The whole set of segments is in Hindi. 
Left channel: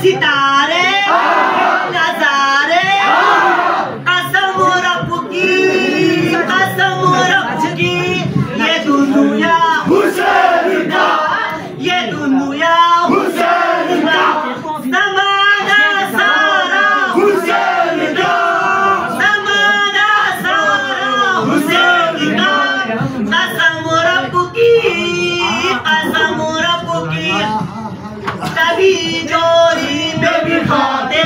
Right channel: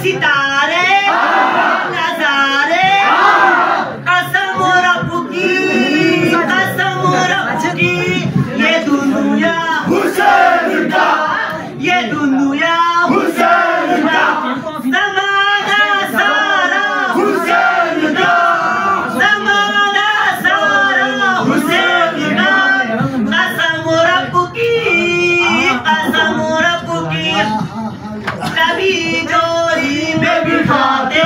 सितारे नजारे कसम रब की ये दुनिया हुसैन का, ये दुनिया हुसैन का, ज़माना सारा हुसैन का, ज़माना सारा हुसैन का, कसम रब की कभी जोरी में भी खाते,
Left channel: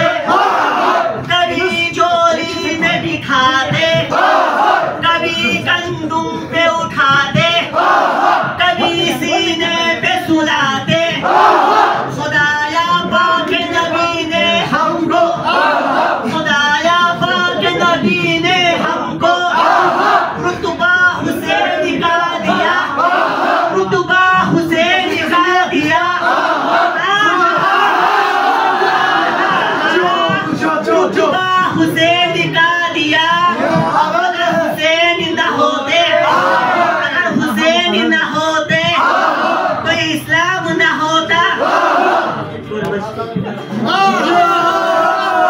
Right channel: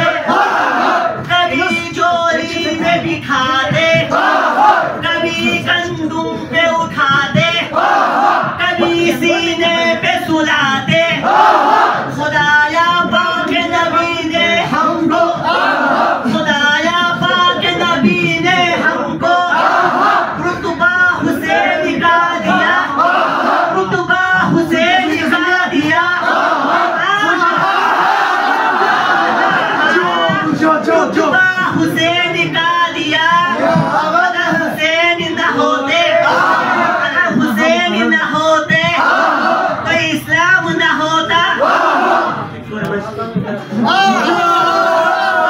कभी जोरी में भी खाते, कभी कंधों पे उठाते, कभी सीने पे सुलाते।